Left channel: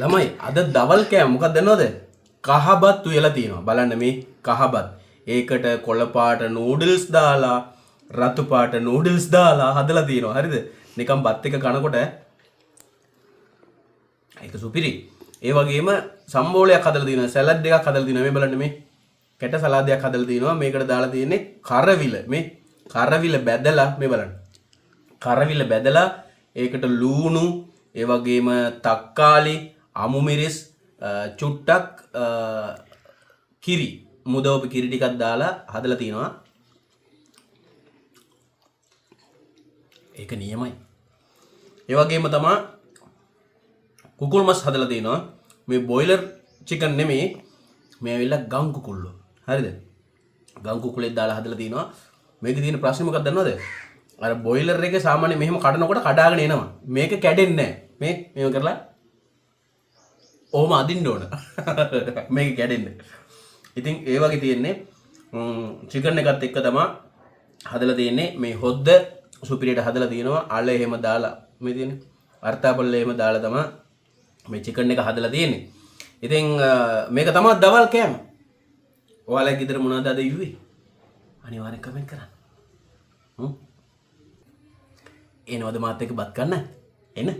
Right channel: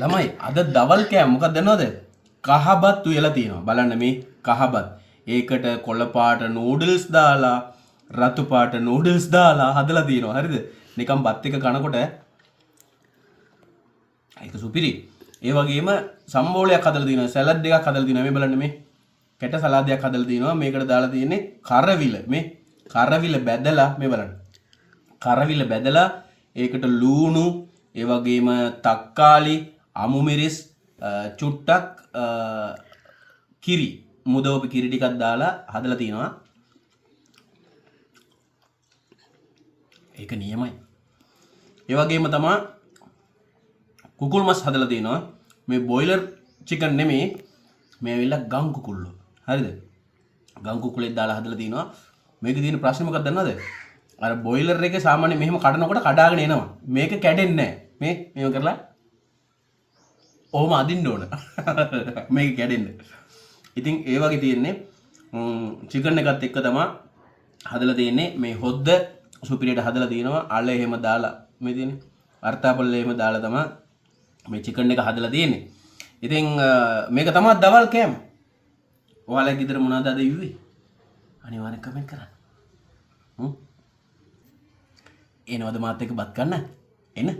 ළමයි අද දවල් කෑම මොකක්ද දන්නවද? කහබත් උයලා තියෙනවා. බලන්න මේ කහබත්. ඒකට කොළ පාට නූඩල්ස් දාලා රතු පාට නූඩල්ස් දාලා හදලා තියෙනවා. හරිද? නිකන් බත් එක කනකොට ඒක සුපිරි. ඒ වගේම සම්බෝලයක් හදලා තියෙනවා. සලාඩ් එකක් හදලා තියෙනවා. මේ බලන්න මේ කැට සලාදයක් හදලා තියෙනවා. මේකට දාලා තියෙන්නේ කරවිල. මේ කරවිල බැදලා මේ බලන්න. කරවිල බැදලා ඒකට ලූණු ඒ වගේම තක්කාලි අමු මිරිස් චුට්ටක් කිරි මුදවපු කිරි ටිකක් දාලා හදලා තියෙනවා. ඒක නියමයි. ඒ වගේම තමයි කුකුල් මස් හදලා තියෙනවා. මේ බොයිලර් චිකන් නෙමෙයි. මේ ඇවිල්ලා ගම් කුකුල්ලෝ. හරිද? ගම් කුකුලේ දාලා හදලා තියෙනවා. මේකේ තියෙන ප්‍රශ්නේ මොකක්ද දන්නවද? අර බොයිලර් එකේ සාමාන්‍ය මෙහෙම කඩනකොට කඩාගෙන එනවා. මේක කැඩෙන්නේ නැහැ. මේව කරලා ඔහොම අදින්න ඕන. මේක කැඩෙන්නේ. ඉතින් ඒ වගේ තියෙන්නේ චිකන් එකත් එක්ක තමයි හදලා තියෙන්නේ. මේ හොද්ද සුපිරියට හදලා තියෙනවා. අල එහෙම දාලා මේ තියෙන්නේ. අර්ථාපල්ල එහෙම දාලා තමයි මේ චිකන් එක හදලා තියෙන්නේ. ඉතින් මේක තමයි දවල් කෑම. ඔයාලා ගෙදර මොනවද අද ඉුවේ? අනිවාර්යෙන් කමෙන්ට් කරන්න. එනවද මාත් එක්ක බත් කන්න? එන්න.